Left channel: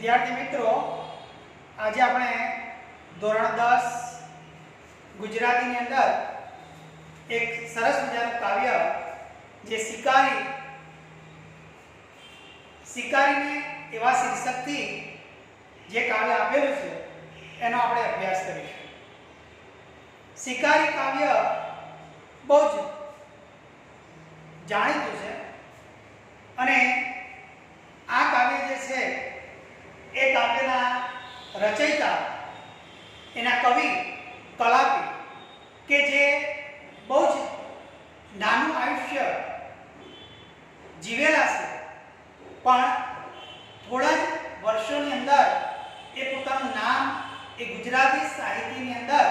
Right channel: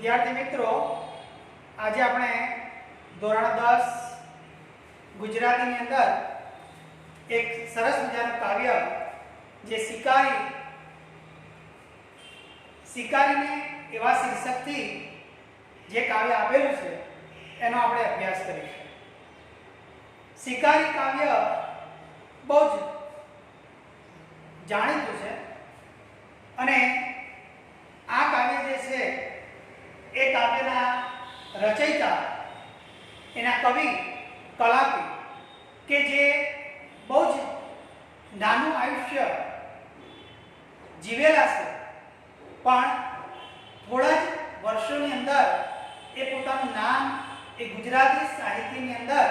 વિદ્યાર્થી મિત્રો, આજે આપણે ધોરણ 10 ગુજરાતીની અંદર એક સરસ મજાનું કાવ્ય જે શિકારીને એવા શીર્ષકથી જે કાવ્ય આપેલું છે એનો આપણે અભ્યાસ કરીશું. શિકારી કાવ્ય બહુ જ જાણીતું છે અને આ કાવ્ય જે છે એ કાવ્યના રચયિતા એના કવિ કલાપી કે જે બહુ જ નાનું આયુષ્ય જીવેલા છે, પણ થોડા જ વર્ષોની અંદર એ પોતાનું નામ એ ગુજરાતી સાહિત્યની અંદર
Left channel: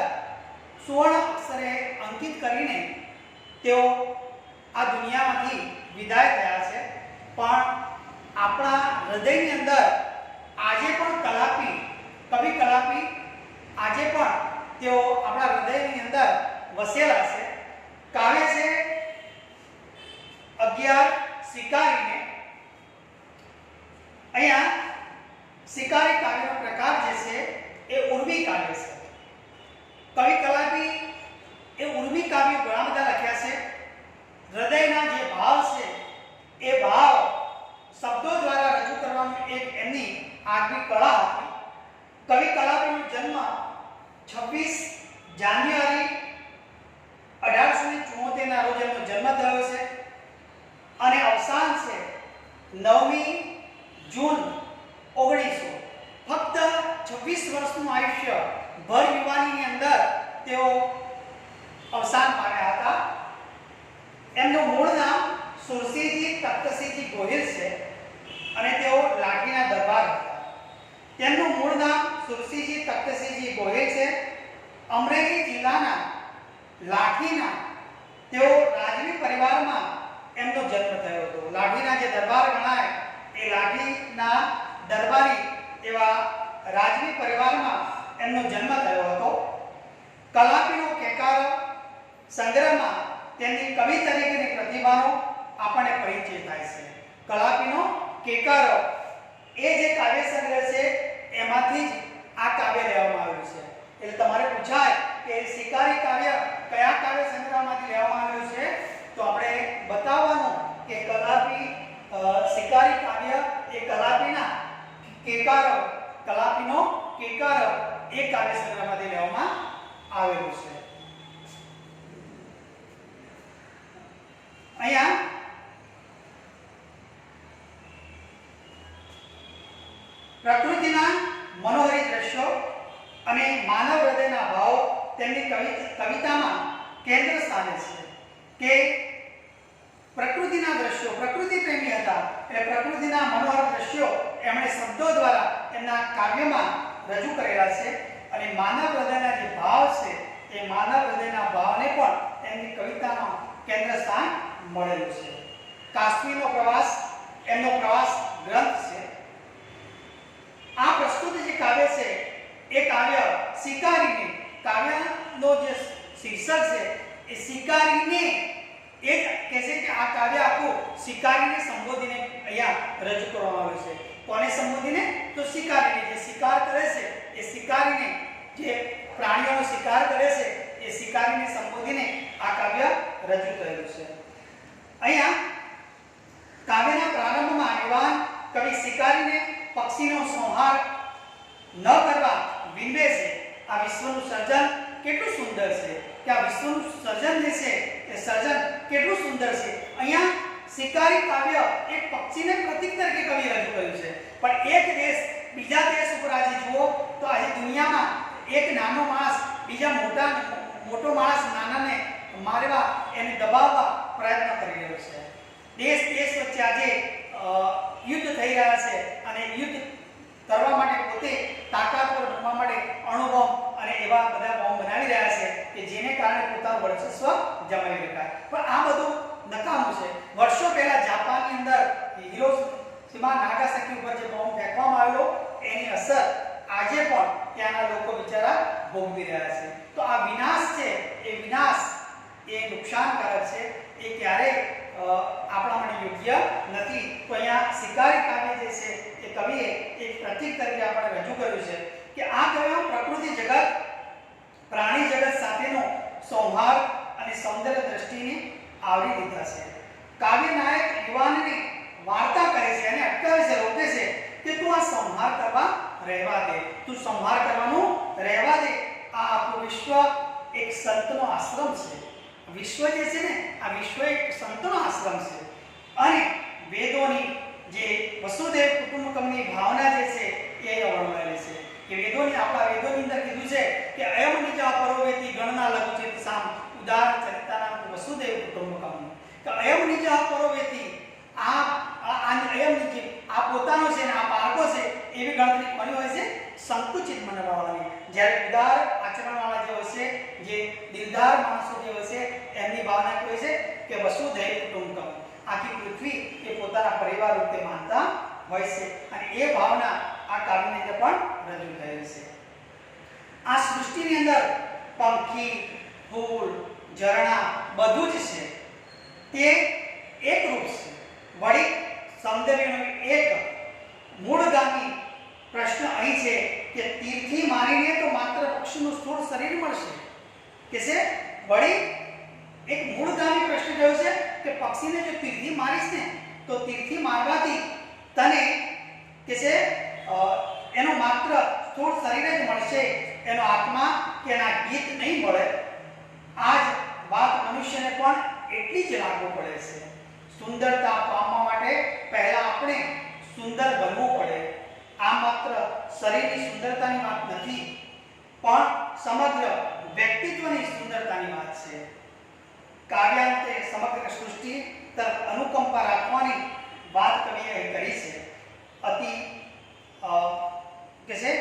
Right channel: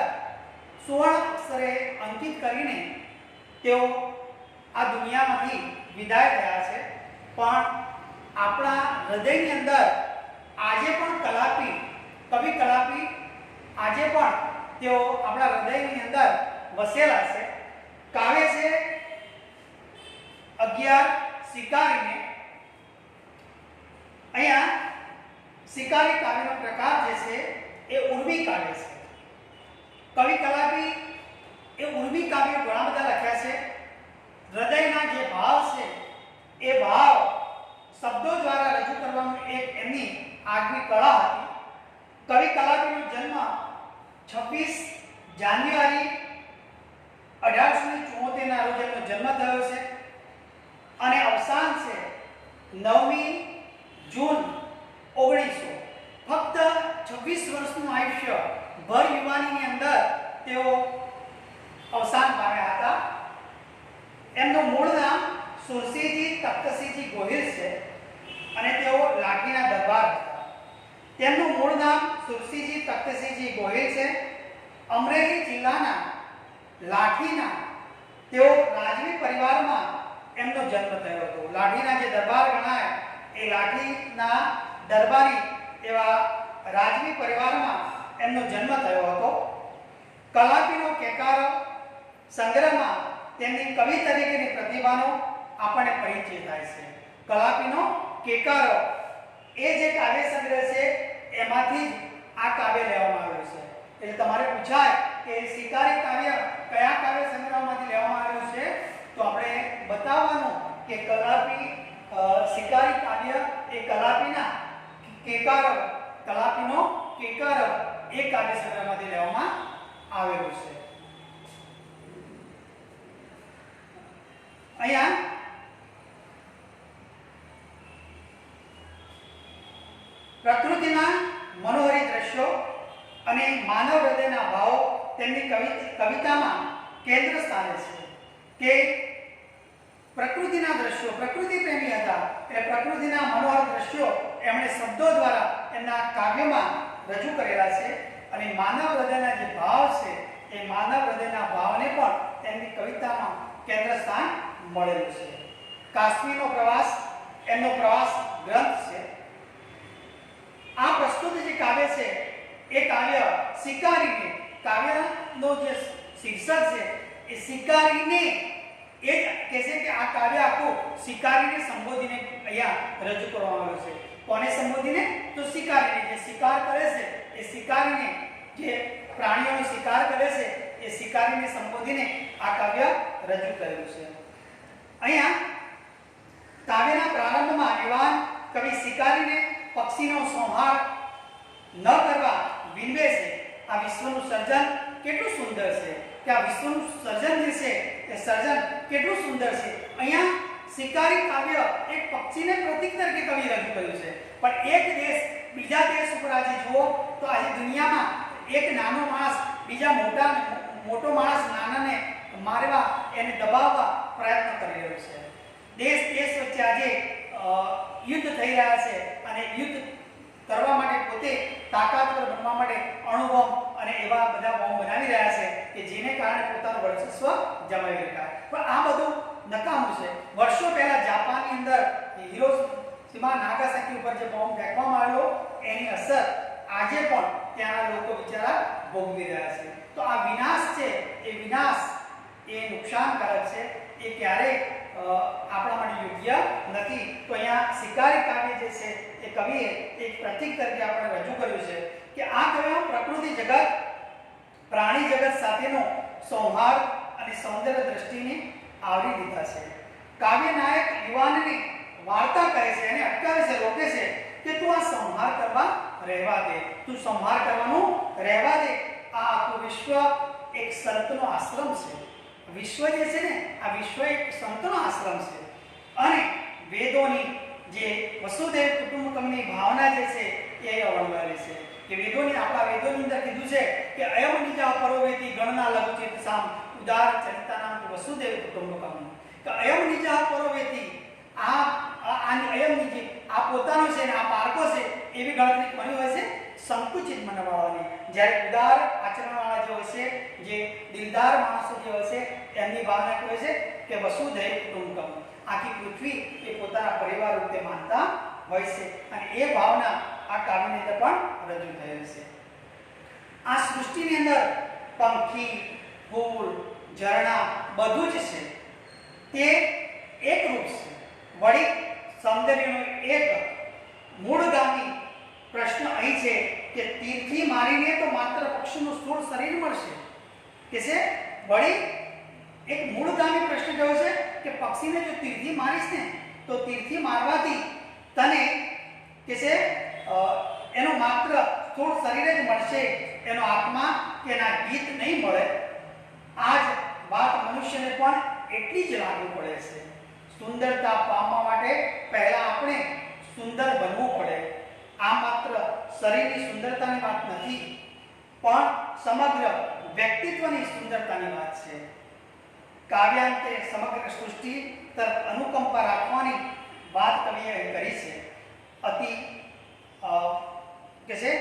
સુવર્ણ અક્ષરે અંકિત કરીને તેઓ આ દુનિયામાંથી વિદાય થયા છે. પણ આપણા હૃદયની અંદર આજે પણ કવિ કલાપી આજે પણ તેઓ આપણા હૃદયની અંદર વસેલા છે. કાવ્ય છે 11 શિકારીને. અહીંયા શિકારી કાવ્યનો પ્રકાર જે છે એ ઉર્મી કાવ્ય છે. કવિ કલાપી એ ઉર્મી કાવ્ય ઘણા બધા લખ્યા છે. હૃદયના જે ભાવ છે એ ભાવ શબ્દો દ્વારા રજૂ કરવાની એક એમની આગવી કળા હતી. કવિ કલાપીનો જન્મ 26 જાન્યુઆરી 1874 ના રોજ એમનો જન્મ થયો છે અને અવસાન છે 9મી જૂન 1900. ફક્ત 26 વર્ષનું આયુષ્ય ભર યુવાનીની અંદર તેઓ અવસાન પામ્યા હતા. એમનું મૂળ નામ સુરસિંહજી તખ્તસિંહજી ગોહિલ છે અને તેઓ લાઠીના દરબાર હતા. તેમનું મૂળ નામ સુરસિંહજી તખ્તસિંહજી ગોહિલ છે. અમરેલી જિલ્લાના લાઠીના તેઓ રાજવી પરિવારમાં એમનો જન્મ થયો હતો. લાઠીના જે દરબાર ગણાય એ લાઠીના દરબારી એવા રાજવી પરિવારમાં એમનો જન્મ થયો હતો. કલાપીનો કેકારો સંગ્રહમાં તેમની કવિ તરીકેની પ્રતિભાનો આપણને પરિચય થાય છે. કલાપીનો કેકારો એ જે કાવ્ય સંગ્રહ છે એમાંથી જ આ કાવ્ય લેવામાં આવ્યું છે. એટલે તમારે પૂછાય કે શિકારી કાવ્ય કયા કાવ્ય સંગ્રહમાંથી લેવામાં આવ્યું છે, તો આપણે બતાવવાનું કે શિકારી કાવ્ય એ કલાપીનો કેકારો એ કાવ્ય સંગ્રહમાંથી લેવામાં આવેલું છે. અહીંયા પ્રકૃતિના મનોહરી દ્રશ્યો અને માનવ હૃદયના ભાવ તેમની કવિતામાં કેન્દ્ર સ્થાને છે. કે પ્રકૃતિના દ્રશ્યો, પ્રકૃતિ પ્રેમી હતા એટલે પ્રકૃતિના મનોહર દ્રશ્યો એમણે શબ્દો દ્વારા એમના કાવ્યમાં રજૂ કરેલા છે. અને માનવ હૃદયના જે ભાવ છે એ માનવ હૃદયના ભાવને પણ એમની કવિતામાં કેન્દ્ર સ્થાન મળેલું છે. કાશ્મીરનો પ્રવાસ એમનો પ્રવાસ ગ્રંથ છે. આ પ્રસ્તુત જે કાવ્ય છે એ કાવ્ય શિકારીને, કાવ્યનો જે શીર્ષક છે એ શિકારીને એ જ કહે છે કે આ કાવ્ય આખું શિકારીને સંબોધીને અહીંયા રજૂ કરવામાં આવ્યું છે. કોને સંબોધીને? તો શિકારીને. જે શિકાર કરે છે એ શિકારીને, જે પ્રાણીઓનો શિકાર કરે છે એ શિકારીને સંબોધીને આ કાવ્ય રજૂ થયેલું છે. અહીંયા કાવ્યના પ્રારંભમાં યુવાન કવિ શિકારીને પક્ષીનો સંહાર ન કરવા વિનવે છે. આ વિશ્વનું સર્જન કેટલું સુંદર છે, કે આ વિશ્વનું સર્જન જે છે એ સર્જન કેટલું સુંદર છે. અહીંયા શિકારી કાવ્ય એક પક્ષીને પ્રતીક તરીકે કવિ રજૂ કર્યું છે. પણ એક દેશ બીજા દેશ ઉપર આજે જુઓ તો આજે દુનિયામાં એક નાનો માણસ બીજા મોટો માણસ નાનાને મારવા, એને દબાવવા પ્રયત્ન કરી રહ્યો છે. દેશ વચ્ચે આજે યુદ્ધ થઈ રહ્યા છે અને યુદ્ધ કરવા માટે પોતે તાકાતવર બનવા માટે અણુબોમ્બ અને એવા બધા બોમ્બ બનાવી રહ્યા છે કે જેને કારણે પોતાનું વર્ચસ્વ જમાવી શકાય. પણ આ બધું નકામું છે. વર્ષો પહેલા જાપાનની અંદર હિરોશીમા નાગાસાકી ઉપર જે બોમ્બ ફેંકવામાં આવ્યો એની અસર આજે પણ ત્યાંના લોકો બિચારા ભોગવી રહ્યા છે. તો આ વિનાશ છે, એ વિનાશ એ નુકસાનકારક છે. એ ક્યારેય આપણા માટે યોગ્ય નથી. તો અહીંયા શિકારી કાવ્ય જે છે એ કવિએ એક પ્રતીક તરીકે આપણે રજૂ કર્યું છે કે આ કાવ્યમાં પ્રકૃતિ જગત, પ્રાણી જગત સાથેનો સૌહાર્દ અને સૌંદર્ય દ્રષ્ટિને આવરી લીધા છે. કાવ્ય નાયક યુવાનને વાર્તા કહે છે અને અટકાવે છે, રોકે છે કે તું આ સંહાર કરવા રહેવા દે, તું સંહાર કરવાનું રહેવા દે. આ આખું વિશ્વ એક સંતનો આશ્રમ છે. વિશ્વ જે છે ને, આ વિશ્વ એક સંતનો આશ્રમ છે અને વેદોની જે વસુદેવ કુટુંબકમની ભાવના જે છે એ અવળવાયેલી છે. કે વેદોની, આપણા વેદોની અંદર કીધું છે કે અયમ નિજા પરોવેતી ગણના લઘુચિત સામ ઉદાર ચરિતાનામ વસુદેવ કુટુંબકમ. કે અયમ નિજા પરોવેતી, અયમ નિજી, આ પોતાનો છે ને આ પારકો છે એવી ગણતરી કોની હોય છે? સંકુચિત મનવાળાની. જ્યારે ઉદાર આચરણવાળા જે હોય છે, જે દિલદાર માણસો જે હોય છે, એમની ભાવના કેવી હોય છે કે વસુધૈવ કુટુંબકમ, આખી પૃથ્વી એ પોતાના પરિવાર રૂપે માનતા હોય છે. અને એ ભાવના આ કાવ્યની અંદર પણ રજૂ થયેલી છે. આ સૃષ્ટિની અંદર પંખી, ફૂલ, ઝરણા બધું જ છે તે એકરૂપ છે. વળી સૌંદર્યનો એક મૂળગામી પ્રશ્ન અહીં છે કે તીરથી મારીને તો માત્ર પક્ષીનું સ્થૂળ શરીર મળશે કે છે. વળી એક મૂળગામી પ્રશ્ન કયો છે કે પક્ષીને જો તીરથી મારીશ ને તો તીરથી મારવાથી તને કે છે એનો માત્ર સ્થૂળ શરીર જ મળશે, એનો આત્મા કે એના ગીત નહીં મળે. આ જ વાત મનુષ્યને પણ એટલી જ લાગુ પડે છે. સુંદરતા પામવા માટે પહેલા આપણે સુંદર બનવું પડે. આ માત્ર શરીરની સુંદરતાની વાત નથી, પણ સમગ્ર વ્યક્તિત્વની સુંદરતાની વાત છે. કાવ્યાંતે સમગ્ર સૃષ્ટિ તરફ અનુકંપા રાખવાની વાત કવિએ કરી છે. અતિ કે છે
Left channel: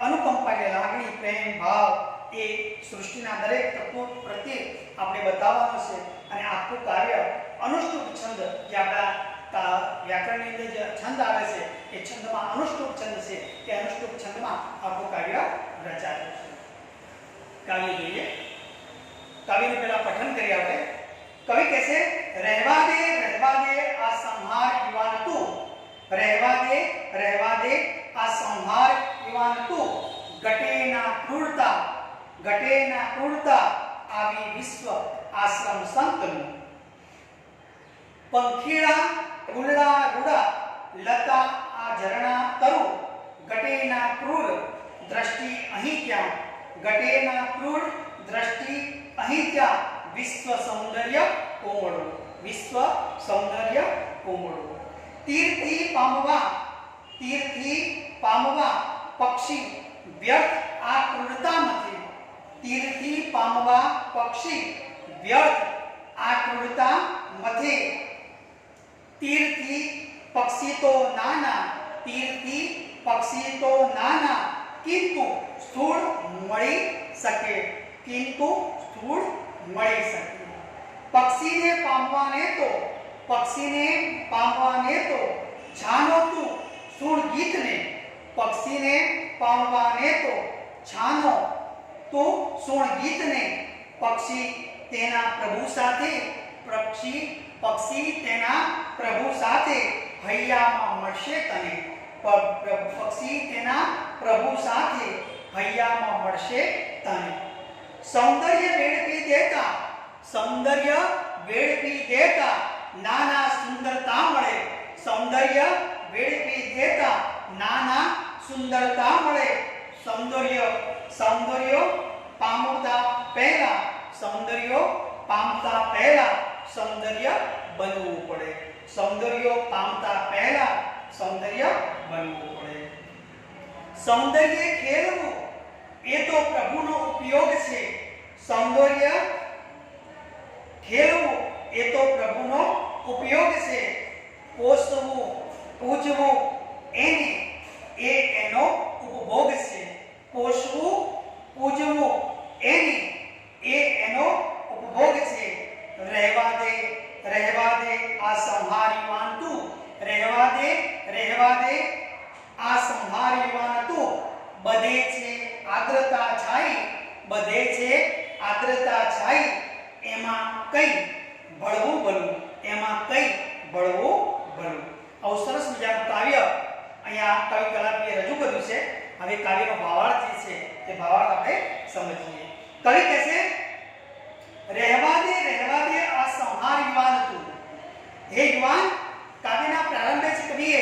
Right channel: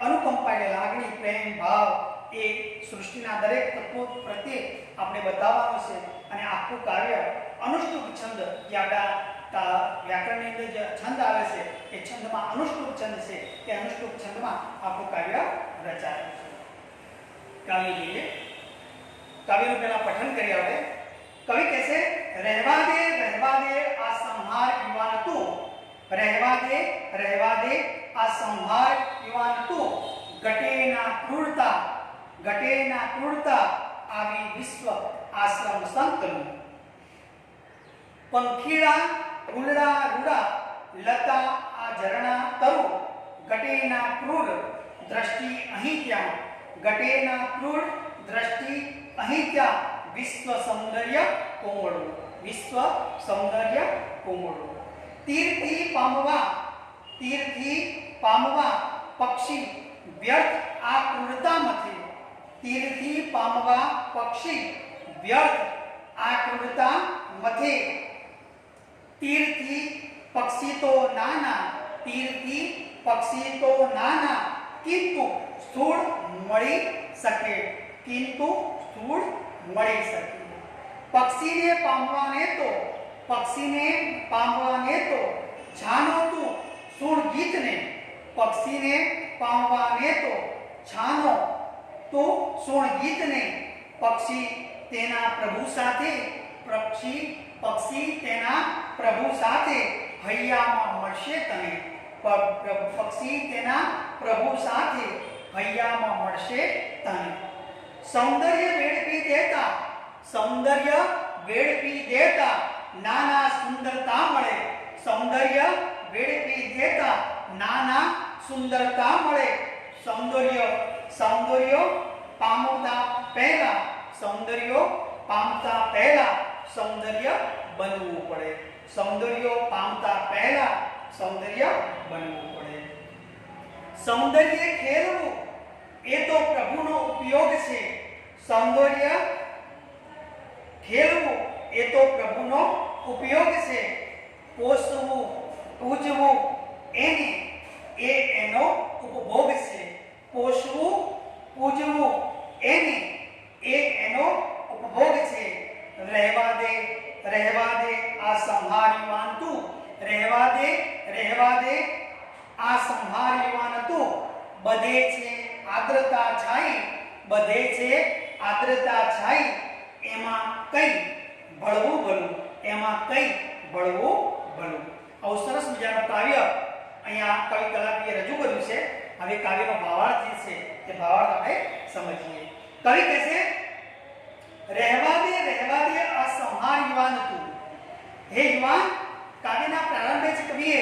અનુકંપા એટલે લાગણી, પ્રેમ, ભાવ એ સૃષ્ટિના દરેક તત્વો પ્રત્યે આપણે બતાવવાનો છે. અને આખું કાર્ય અનુષ્ટુપ છંદ, જે આપણા વ્યાકરણની અંદર જે છંદ આવે છે એ છંદમાં અનુષ્ટુપ છંદ છે, કે અનુષ્ટુપ છંદમાં આખું કાર્ય રચાયેલું છે. કાવ્ય જોઈએ. કાવ્યનું પહેલા પઠન કરી આપણે. કવિ કહે છે, રહેવા દે આ સંહાર યુવાન તું, રહેવા દે આ સંહાર યુવાન તું, ઘટે ના ક્રૂરતા આવી વિશ્વ આશ્રમ સંતનું. પંખીડા ફૂલડા રૂડા લતા આ ઝરણા તરુ, ઘટેના ક્રૂર દ્રષ્ટિ અહીં ક્યાં, ઘટેના ક્રૂર દ્રષ્ટિ અહીં ક્યાં, વિશ્વ સૌંદર્ય કોમળું, વિશ્વ સૌંદર્ય કોમળું. તીરથી પામવા પક્ષી વ્યર્થ આ ક્રૂરતામાંથી, તીરથી પામવા પક્ષી વ્યર્થ આ ક્રૂરતા મથે. તીરથી પક્ષી તો નાના, કિંતુ સ્થૂળ મળી શકે, પક્ષીને પામવાને તો છાનો તું સુણ ગીતને, પક્ષીને પામવાને તો છાનો તું સુણ ગીતને. પક્ષી તેના પ્રભુ સાથે હૈયામાં મળશે તને, પક્ષી તેના પ્રભુ સાથે હૈયામાં મળશે તને. સૌંદર્ય વેડપી દેતા નાના સુંદરતા મળે, સૌંદર્ય વેડપી દેતા નાના સુંદરતા મળે. સૌંદર્ય પામતા પહેલા સૌંદર્ય બનવું પડે, સૌંદર્ય બનવું પડે. સૌંદર્ય ખેલવું એ તો પ્રભુનો ઉપયોગ છે, સૌંદર્ય ખેલવું એ તો પ્રભુનો ઉપયોગ છે. પોષવું પૂજવું એનો ઉપભોગ છે, પોષવું પૂજવું એનો ઉપભોગ છે. રહેવા દે આ સંહાર યુવાન તું, રહેવા દે આ સંહાર યુવાન તું. બધે છે આદ્રતા છાઈ, એમાં કઈ ભળવું ભલું, એમાં કઈ બળવું ભલું. આવું સરસ મજાનું કાવ્ય અહીંયા કવિ કલાપીએ રજૂ કર્યું છે. હવે કાવ્યનો ભાવાર્થ જે છે તે ભાવાર્થ આપણે સમજીએ. કવિ કહે છે, રહેવા દે આ સંહાર યુવાન તું. હે યુવાન, કાવ્યના પ્રારંભે જ કવિએ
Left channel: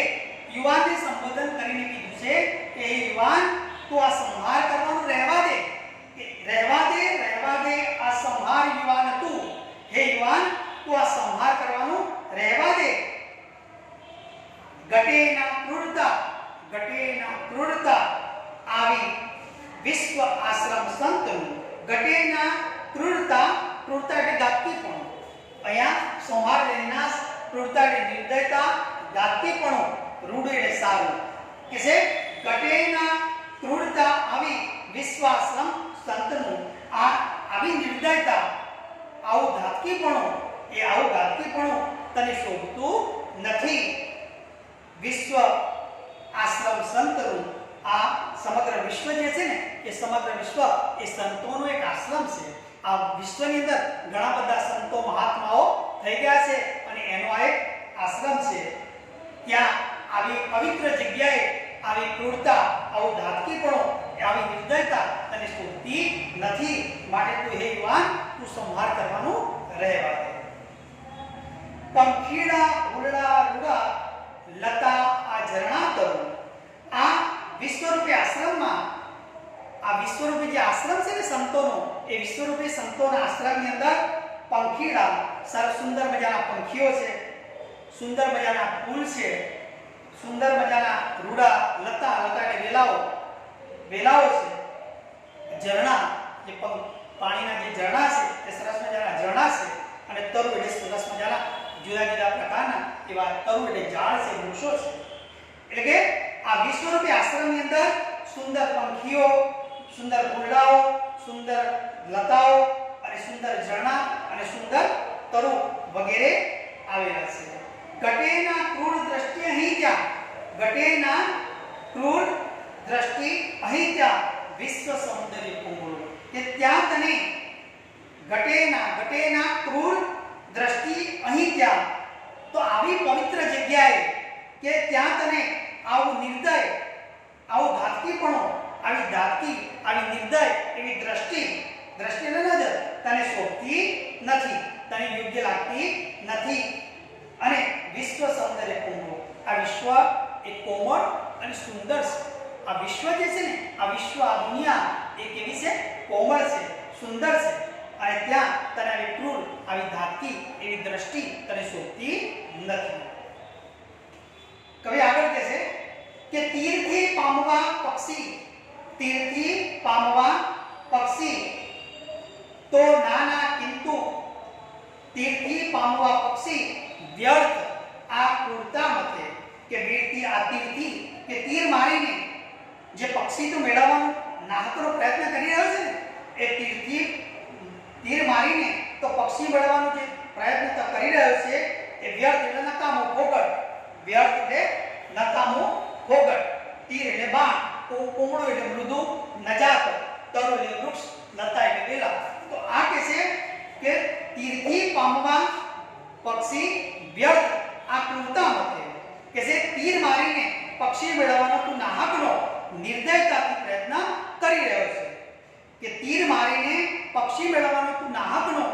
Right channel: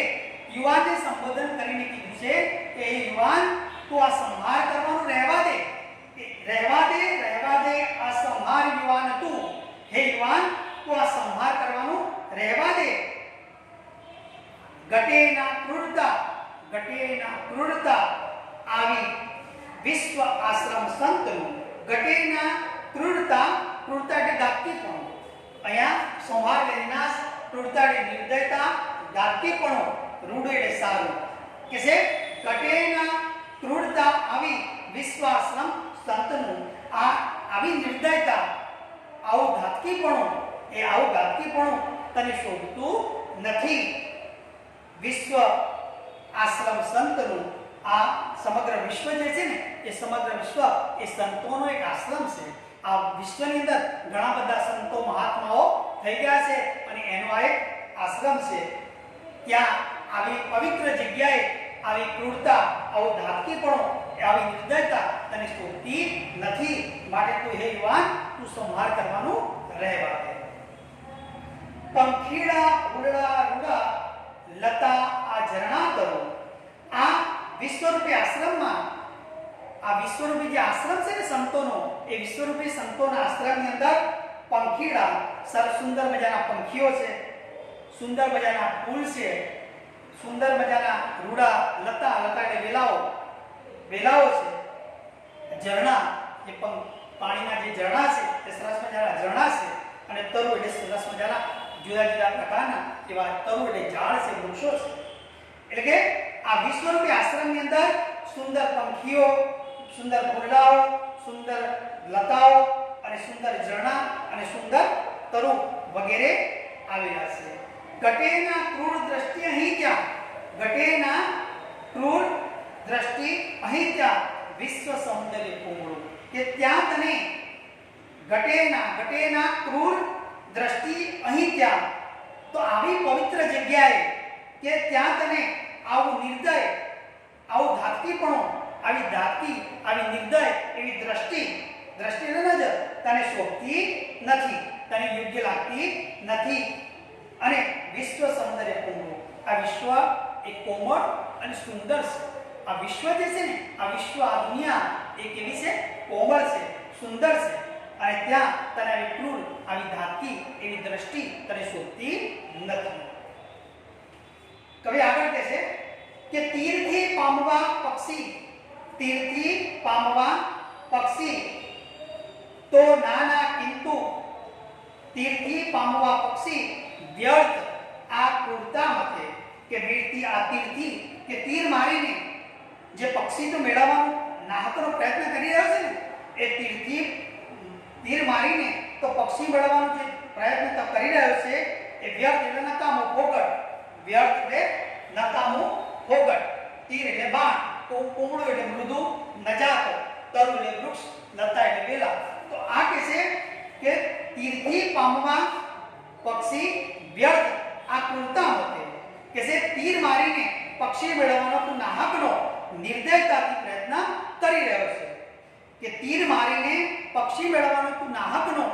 યુવાનને સંબોધન કરીને કીધું છે કે હે યુવાન, તું આ સંહાર કરવાનું રહેવા દે. રહેવા દે આ સંહાર યુવાન તું. હે યુવાન, તું આ સંહાર કરવાનું રહેવા દે. ઘટેના ક્રૂરતા આવી વિશ્વ આશ્રમ સંતનું. ઘટેના ક્રૂરતા એટલે ગાતિકપણું. અહીંયા સંહાર વિનાશ, ક્રૂરતા એટલે નિર્દયતા, ગાતિકપણું, રૂઢ એટલે સારું. કે છે ઘટેના ક્રૂરતા આવી વિશ્વ આશ્રમ સંતનું. આવી નિર્દયતા, આવું ઘાતકીપણું તને શોભતું નથી. વિશ્વ આશ્રમ સંતનું. આ સમગ્ર વિશ્વ જે છે ને, એ સમગ્ર વિશ્વ એ સંતોનો એક આશ્રમ છે. આ વિશ્વની અંદર ઘણા બધા સંતો મહાત્માઓ થઈ ગયા છે અને એનો આ એક આશ્રમ છે. ત્યાં આવી પવિત્ર જગ્યાએ આવી ક્રૂરતા, આવું ધાતકીપણું, આવી નિર્દયતા તને શોભતી નથી. માટે તું હે યુવાન, તું સંહાર કરવાનું રહેવા દે. પંખીડા ઉરડા રૂડા લતા આ ઝરણા કરો. આ વિશ્વરૂપી આશ્રમમાં, આ વિશ્વરૂપી જે આશ્રમ છે ને સંતોનો, એ વિશ્વરૂપી સંતોના આશ્રમની અંદર પંખીડા, સુંદર મજાના પંખીઓ છે, સુંદર મજાના ફૂલ છે, સુંદર મજાના રૂડા, લતા એટલે વેલાઓ છે, ઝરણા એ પાણીના જે ઝરણા છે તે સરસ મજાના ઝરણા છે, અને તરુ એટલે સરસ મજાના જુદા જુદા પ્રકારના એવા તરુ એટલે ઝાડ છે, વૃક્ષો છે. એટલે કે આ વિશ્વરૂપી આશ્રમની અંદર સુંદર પંખીઓ, સુંદર ફૂલડાઓ, સુંદર લતાઓ અને સુંદર ઝરણા અને સુંદર તરુ વગેરે આવેલા છે. ઘટેના ક્રૂર દ્રષ્ટિ અહીં ક્યાં? ઘટેના ક્રૂર દ્રષ્ટિ અહીં ક્યાં? વિશ્વ સૌંદર્ય કુમળું. કે ત્યાં તને ઘટેના ક્રૂર દ્રષ્ટિ અહીં ક્યાં? તો આવી પવિત્ર જગ્યાએ કે ત્યાં તને આવું નિર્દય, આવું ધાતકીપણું, આવી નિર્દય એવી દ્રષ્ટિ નજર તને શોભતી નથી, તને યોગ્ય લાગતી નથી. અને વિશ્વ સૌંદર્ય કોમળ. આ વિશ્વ એક કોમળ અને સુંદર છે. આ વિશ્વ જે છે ને, આ વિશ્વ, આ દુનિયા એ કેવી છે? કોમળ છે, સુંદર છે. અને ત્યાં તને આવી ક્રૂર, આવી ધાતકી એવી દ્રષ્ટિ તને શોભતી નથી. કવિ આગળ કહે છે કે તીરથી પામવા પક્ષી તો નાના, કિંતુ તીરથી પામવા પક્ષી વ્યર્થ આ ક્રૂરતા મથે. કે વીરથી આ તીરથી કે તીર મારીને જે પક્ષી તો મેળવવાનો નાહકનો પ્રયત્ન કરી રહ્યો છે ને, એ તીર મારીને તો પક્ષી મેળવવાનો જે પ્રયત્ન તો કરી રહ્યો છે એ વ્યર્થ એટલે નકામો, ફોગટ. વ્યર્થ એટલે નકામો, ફોગટ. તીર એટલે બાણ, તો કોમળો એટલે મૃદુ, નજાક, તરુ એટલે વૃક્ષ, લતા એટલે વેલા. તો આ કે છે કે તીરથી પામવા પક્ષી વ્યર્થ આ ક્રૂરતા મથે. કે છે તીર મારીને પક્ષી મેળવવાનો તું નાહકનો, નિર્દયતાથી પ્રયત્ન કરી રહ્યો છે. કે તીર મારીને પક્ષી મેળવવાનો તું નાહકનો,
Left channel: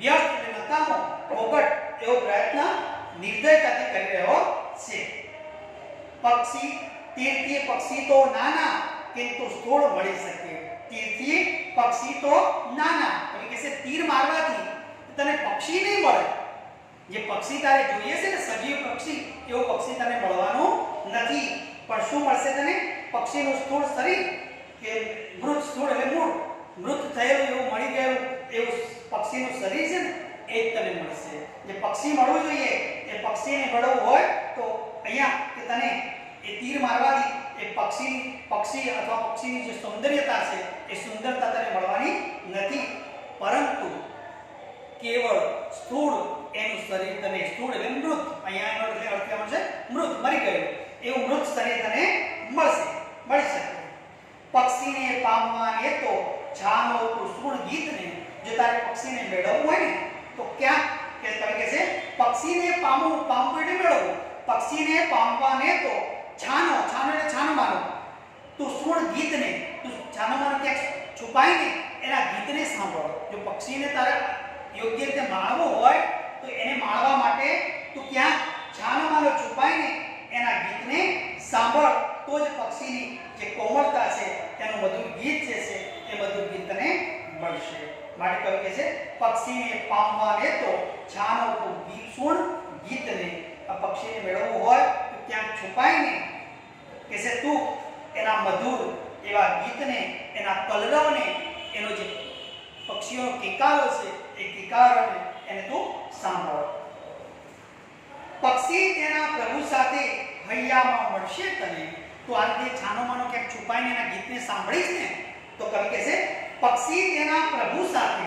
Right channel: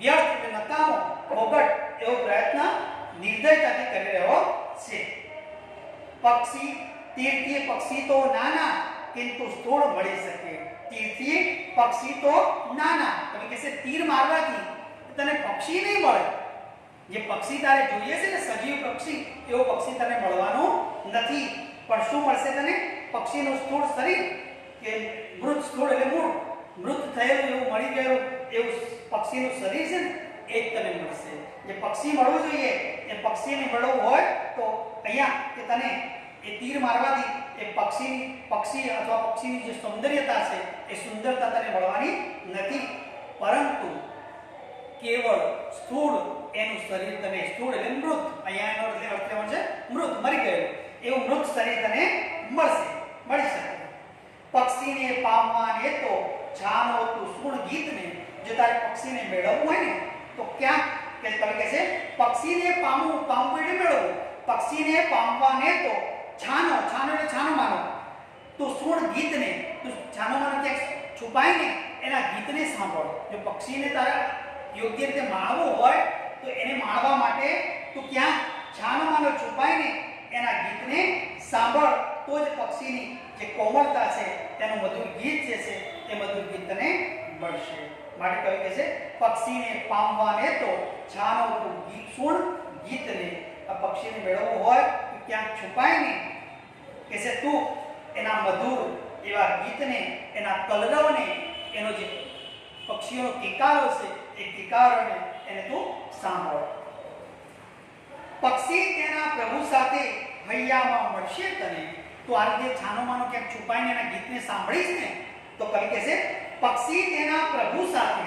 વ્યર્થ એટલે નકામો, ફોગટ એવો પ્રયત્ન નિર્દયતાથી કરી રહ્યો છે. તીરથી પક્ષી તો નાના, કિંતુ સ્થૂળ મળી શકે. તીરથી પક્ષી તો નાના, એટલે કે છે તીર મારવાથી તને પક્ષી નહીં મળે. જે પક્ષી તારે જોઈએ છે ને, સજીવ પક્ષી, એવો પક્ષી તને મળવાનો નથી. પણ શું મળશે તને? પક્ષીનું સ્થૂળ શરીર, કે મૃત, સ્થૂળ એટલે મૂળ, મૃત થયેલું એવું મળી ગયેલું એવું પક્ષીનું શરીર છે ને, એ જ તને મળશે. જે પક્ષી મળવું જોઈએ એ પક્ષીને મળવું હોય તો અહીંયા કે તને એ તીર મારવાથી એ પક્ષી અથવા પક્ષીની જે સૌંદર્યતા છે એ સુંદરતા તને મળવાની નથી. પરંતુ કેવળ સ્થૂળ એનું શરીર તને, સ્થૂળ એટલે મૃત, અહીંયા એનો અર્થ લેવાનો છે મૃત, મરી ગયેલું એવું મૃત શરીર તને મળી શકે. પક્ષીને પામવાને તો છાનો તું સુણ ગીતને. જો તારે પક્ષીને મેળવવું હોય ને તો ક્યાંક કે કવિ કહે છે પક્ષીને પામવું, પામવું એટલે મેળવવું, પક્ષીને પામવાને તો છાનો, છાનો એટલે છાનો માનો, તો સુણ ગીતને, તો છાનો માનો ક્યાંક છુપાઈને એના ગીતને સાંભળ. જો પક્ષીને તારે યોગ્ય રીતે માણવું હોય તો એને માણવા માટે તું ક્યાં છાનો માનો છુપાઈને એના ગીતને સાંભળ, તો જ પક્ષીની જે કોમળતા છે તેનું મધુર ગીત જે છે એ મધુર ગીત તને મળશે. માટે કવિ કહે છે પક્ષીને પામવાને તો છાનો તું ગીત સુણ ગીતને. આ પક્ષીને મેળવવું હોય તો ક્યાંક છુપાઈને કે છે તું એના મધુર એવા ગીતને, એના કલરવને, એનો જે પક્ષીઓનો કિકારો છે એ કિકારોને એને તું સાંભળ. પક્ષી તેના પ્રભુ સાથે હૈયામાં મળશે તને. તો આ રીતે છાનો માનો ક્યાંક છુપાઈને એના ગીતને સાંભળીશ ને તો કવિ કહે છે પક્ષી તેના પ્રભુ સાથે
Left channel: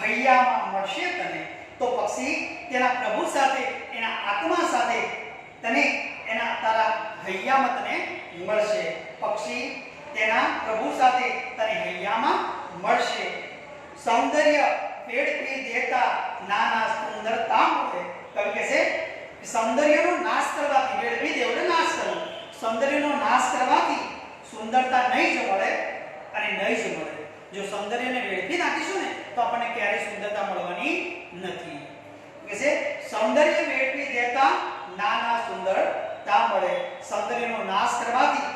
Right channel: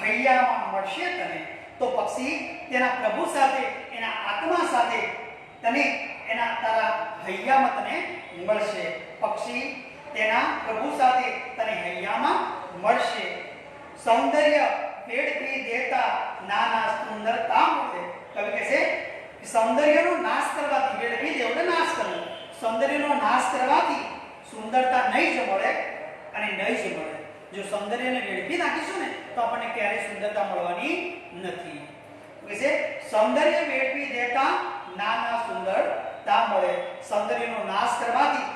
હૈયામાં મળશે તને. તો પક્ષી તેના પ્રભુ સાથે, એના આત્મા સાથે તને એના તારા હૈયામાં તને મળશે. પક્ષી તેના પ્રભુ સાથે તને હૈયામાં મળશે. સૌંદર્ય વેડફી દેતા નાના સુંદરતા મળે. કવિ કહે છે કે સૌંદર્યનો નાશ કરવાથી, વેડફી દે એટલે નાશ કરવો, સૌંદર્યનો નાશ કરવાથી સુંદરતા નહીં જ મળે અને નહીં જ મળે. જો સૌંદર્યને વેડફી નાખીશું ને તો આપણને ક્યારેય સુંદરતા મળવાની નથી. કે છે સૌંદર્ય વેડફી દેતા નાના સુંદરતા મળે. સૌંદર્યનો નાશ કરવાથી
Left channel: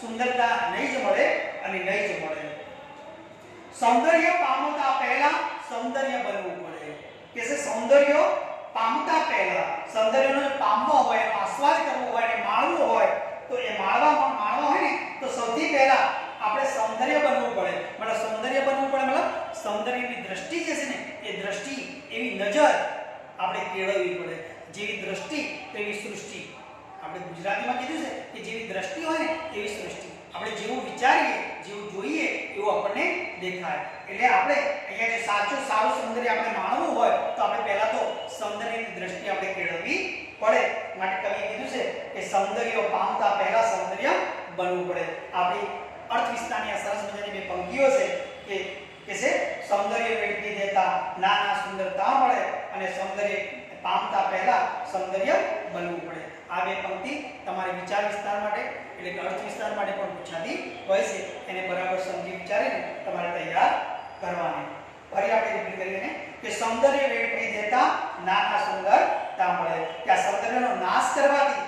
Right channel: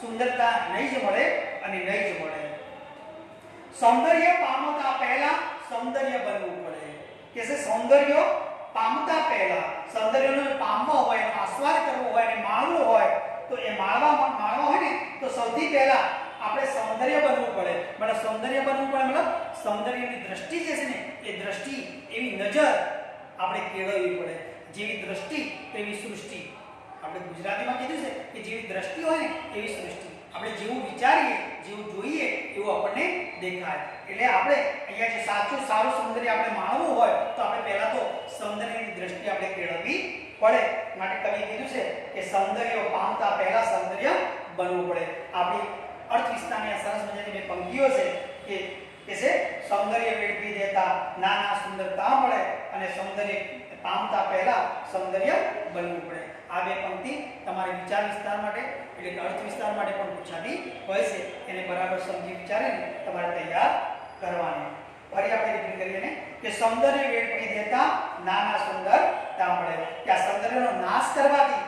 સુંદરતા નહીં જ મળે અને નહીં જ મળે. સૌંદર્ય પામતા પહેલા સૌંદર્ય બનવું પડે. કે છે સૌંદર્ય પામતા પહેલા, સૌંદર્યનો પામવો હોય, આસ્વાદ કરવો હોય અને માણવું હોય તો એ માણવા હોય ને તો સૌથી પહેલા આપણે સૌંદર્ય બનવું પડે. મતલબ સૌંદર્ય બનવું પડે મતલબ સૌંદર્યની દ્રષ્ટિ જે છે ને એ દ્રષ્ટિ, એવી નજર આપણે કેળવવી પડે. જેવી દ્રષ્ટિ તેવી સૃષ્ટિ. આપણે ગુજરાતીમાં કીધું છે કે જેવી દ્રષ્ટિ હોય ને એવી સૃષ્ટિ. આપણે જેવું વિચારીએ, જેવું જોઈએ એવું આપણને દેખાય. એટલે આપણે અહીંયા જે સારું સૌંદર્ય આપણે માણવું હોય તો આપણે પહેલા તો સૌંદર્યની દ્રષ્ટિ આપણે કેળવવી પડે. માટે કવિએ કીધું છે કે સૌંદર્ય પામતા પહેલા સૌંદર્ય બનવું પડે. આપણી અર્થ વિસ્તારની આ સરસ મજાની બે પંક્તિઓ છે કે છે સૌંદર્ય વેડફી દેતા નાના સુંદરતા મળે અને સૌંદર્ય પામતા પહેલા સૌંદર્ય બનવું પડે. આ બે પંક્તિ તમારે વિચાર વિસ્તાર માટે એટલે કે અર્થ વિસ્તાર માટે પણ પૂછાતી હોય છે. એને બરાબર સમજી વિચારીને તમારે તૈયાર કરવાની. ફરી આપણે રિપીટ કરીએ ને કે સૌંદર્ય વેડફી દેતા નાના સુંદરતા મળે. કે આ સૌંદર્યનો નાશ કરવાથી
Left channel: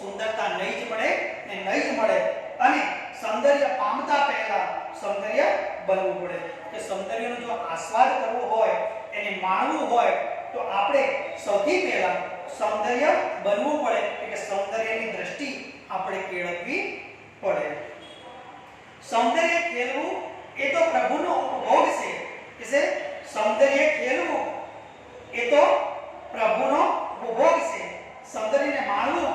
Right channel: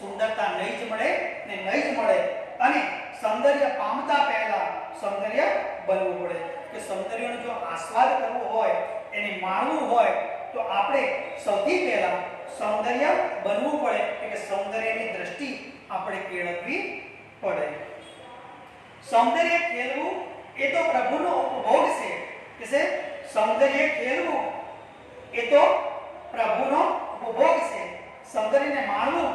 સુંદરતા નહીં જ મળે ને નહીં જ મળે. અને સૌંદર્ય પામતા પહેલા સૌંદર્ય બનવું પડે. કે સૌંદર્યનો જો આસ્વાદ કરવો હોય, એને માણવું હોય તો આપણે સૌથી પહેલા સૌંદર્ય બનવું પડે. એટલે સૌંદર્યની દ્રષ્ટિ આપણે કેળવવી પડે. સૌંદર્ય ખેલવું એ તો પ્રભુનો ઉપભોગ છે. કે છે સૌંદર્ય ખેલવું એ તો પ્રભુનો ઉપભોગ છે. સૌંદર્યને માણવું,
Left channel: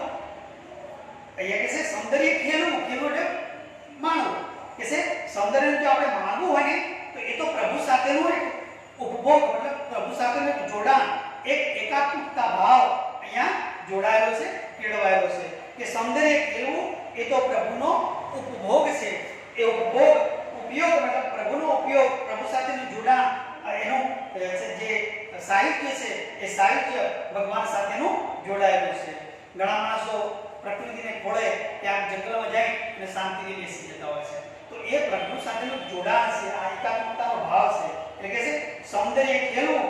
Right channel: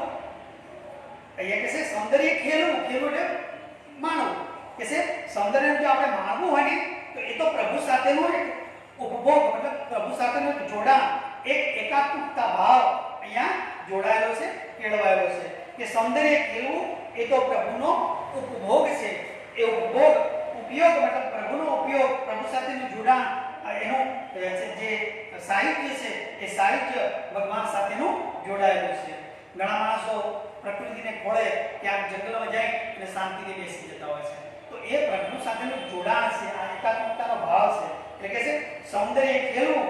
અહીંયા કે છે સૌંદર્ય ખેલવું, ખેલવું એટલે માણવું. કે છે સૌંદર્યને જો આપણે માણવું હોય ને તો એ તો પ્રભુ સાથેનું એક ઉપભોગ, મતલબ પ્રભુ સાથેનું એક જોડાણ, એક એકાત્મકતા ભાવ અહીંયા જોડાયેલો છે, કેળવાયેલો છે. કે સૌંદર્ય ખેલવું એ તો પ્રભુનો ઉપભોગ છે. એ ઉપભોગ, ઉપયોગ મતલબ પ્રભુનો ઉપયોગ, પ્રભુ સાથેનું જોડાણ, એનું જે સાહિત્ય છે એ સાહિત્ય ભગવાન સાથેનું જોડાયેલું છે. ઘણા માણસો પ્રકૃતિને ખોળે ત્યાં જંગલમાં જાય અને શાંતિથી બેસી જતા હોય છે. તો એ પ્રભુ સાથેનું જોડાણ છે, આ એકાત્મકતાનો ભાવ છે. એટલે કે છે સૌંદર્ય ખેલવું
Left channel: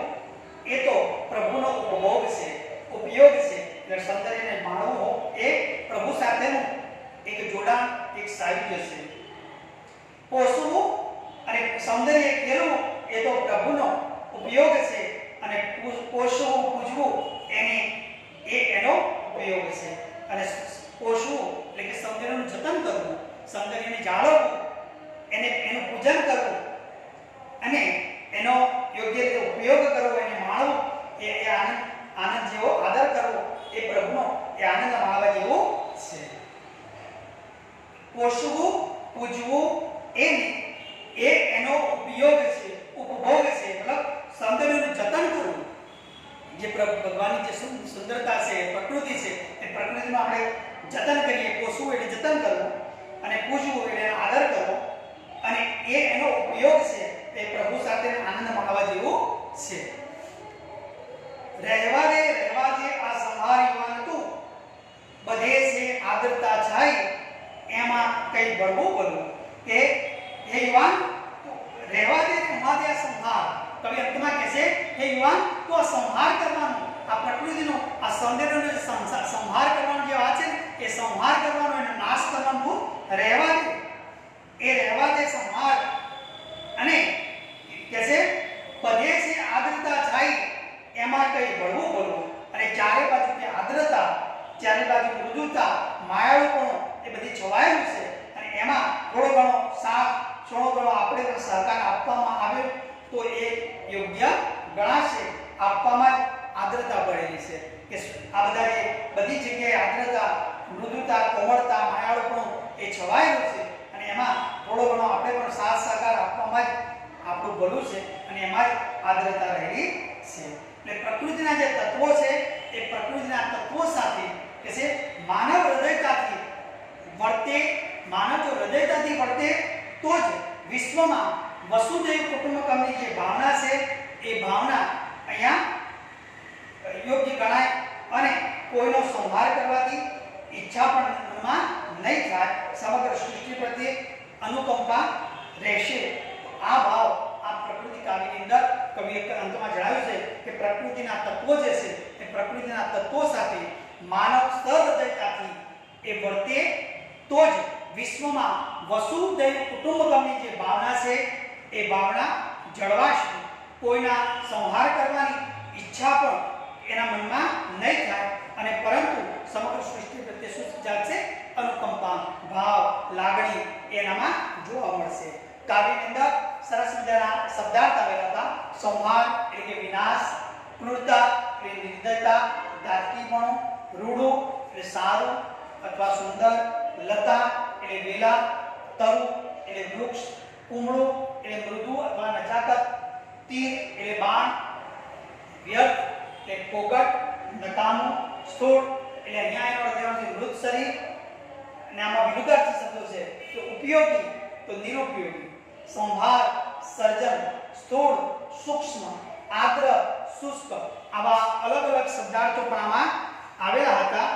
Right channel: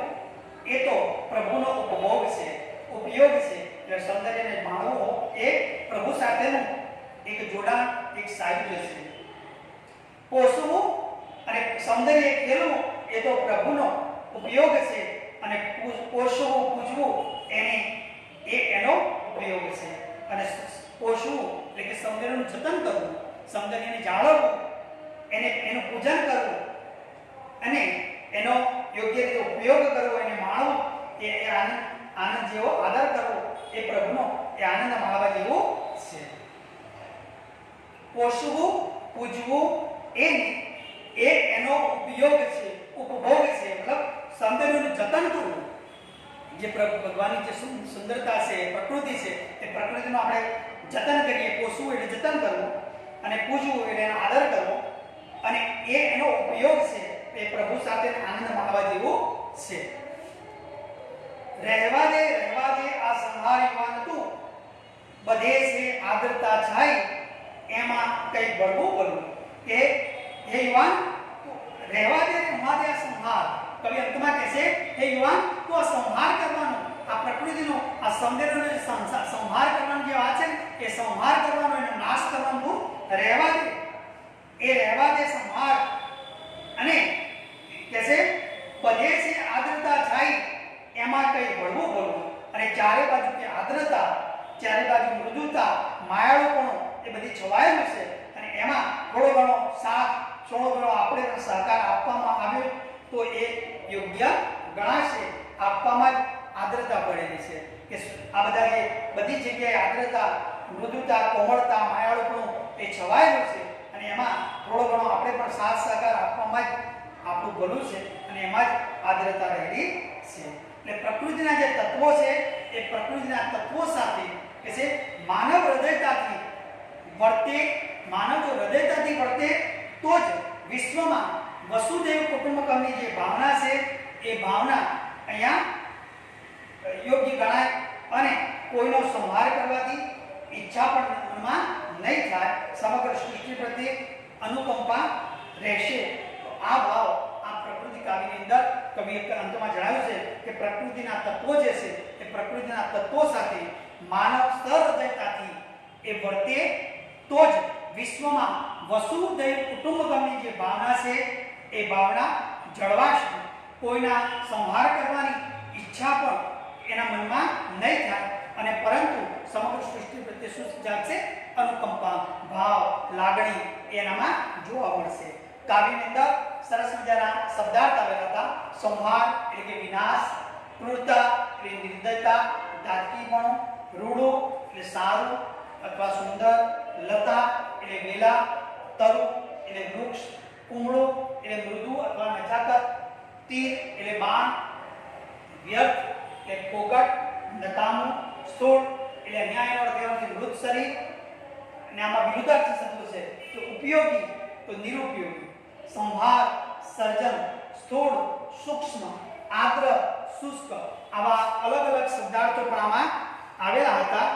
એ તો પ્રભુનો ઉપભોગ છે, ઉપયોગ છે. એટલે સૌંદર્યને માણવું એ પ્રભુ સાથેનું એક જોડાણ, એક સાહિત્ય છે. પોષવું અને સૌંદર્ય ખેલવું એ તો પ્રભુનો ઉપયોગ છે અને પોષવું, પૂજવું એનો ઉપયોગ છે. અને પોષવું એટલે કે સૌંદર્યનું જતન કરવું, સૌંદર્યને જાળવવું, એનું પૂજન કરવું અને એનો યોગ્ય રીતે ઉપયોગ કરવો, એને માણવું, એ આનંદ જેવો આદર કરવો એ પ્રભુનો એ આનંદ માણવા જેવો છે. પોષવું, પૂજવું એનો ઉપયોગ છે, ઉપભોગ છે. મતલબ સૌંદર્યનું જતન કરવું. જે ભગવાનની જે સુંદરતા છે, પ્રકૃતિ છે, એ પ્રકૃતિમાં આપણે જતન કરીએ. પોષવું એટલે જતન કરવું અને પૂજવું એટલે એનો આદર કરવો અને એનો ઉપયોગ છે એ પ્રભુ સાથે આનંદ માણવા જેવું છે. રહેવા દે આ સંહાર યુવાન તું, બધે છે આદ્રતા છાઈ, એમાં કઈ બળવું બોલવું કે હે યુવાન તું રહેવા દે આ સંહાર. કવિ અંતમાં કહે છે હે યુવાન તું આ સંહાર કરવાનો, આ પ્રકૃતિનો આ સૌંદર્યનો સંહાર કરવાનો જે વાત છે ને એ સંહાર કરવાનો, એનો નાશ કરવાનો તું રહેવા દે, એ રહેવા દે સંહાર. અને કહે છે બધે છે આદ્રતા છાઈ, એમાં કઈ બળવું બોલવું. અને ચારે બાજુ કે આદ્રતા, ચારે બાજુ મૃદુતા, માયાળુપણું એ બધી છવાયેલું છે. અને એમાં થોડો ઘણો સાથ, થોડો ઘણો આપણે પણ સહકાર આપવામાં આવ્યો તો એ યોગ્ય ગણાશે. આપવામાં જ આદ્રતા પડેલી છે કે આ બધા જે બધી જગ્યાએ આદ્રતા, મૃદુતા, કોમળતા, માયાળુપણું એ છવાયેલું છે. અને એમાં થોડો ઘણો આપણે પણ સાથ સહકાર આપવામાં જ આપણું ભલું છે. અને એમાં જ આદ્રતા રહેલી છે. એટલે પ્રકૃતિના જે તત્વો છે એ પ્રકૃતિના તત્વો સાથે કે છે માનવ હૃદયતાથી વર્તે, માનવ જો હૃદયતાથી વર્તે તો જ વિશ્વમાં વસુદેવ કુટુંબકમની જે ભાવના છે એ ભાવના અહીંયા યોગ્ય ગણાય. અને કોઈનો સંહાર કરવાથી ઈચ્છા પણ મનમાં નહીં થાય, સમગ્ર સૃષ્ટિ પ્રત્યે અનુકંપા રહેશે. તો આ ભાવ આ પ્રકૃતિ કાવ્યની અંદર કવિએ અંતમાં જણાવ્યું છે કે પ્રકૃતિના તત્વો જે છે એ પ્રકૃતિના તત્વો સાથે માનવ સહૃદયતાથી એ વર્તે તો જ વિશ્વમાં વસુદેવ કુટુંબકમની જે ભાવના છે એ ભાવના જળવાશે. કોઈના સંહાર કરવાની ઈચ્છા પણ એના મનમાં નહીં થાય. અને પરંતુ સમગ્ર સૃષ્ટિ પ્રત્યે શું જાગશે? અનુકંપા, ભાવ, લાગણી એનામાં જોવા મળશે. કાવ્યની અંદર સરસ મજાના શબ્દાર્થ આવેલા હતા. સંહાર એટલે કે વિનાશ, ક્રૂરતા એટલે નિર્દયતા, દાટકીપણું, રૂડું એટલે સારું અથવા સુંદર, લતા એટલે વેલા, તરુ એટલે વૃક્ષ, કુમળું એટલે મૃદુ અથવા નજાકત, તીર એટલે બાણ, વ્યર્થ એટલે ફોકટ, નકામું, સ્થૂળ એટલે અહીંયા એનો અર્થ એનો છે મૃત શરીર. અને આમાં વિરુદ્ધાર્થી શબ્દો છે તો ઉપયોગી તો નિરુપયોગી, સંહાર, સર્જન, સ્થૂળ, સૂક્ષ્મ, આદ્ર, શુષ્ક, આવા અલગ અલગ શબ્દાર્થો પણ આમાં આવેલા હતા.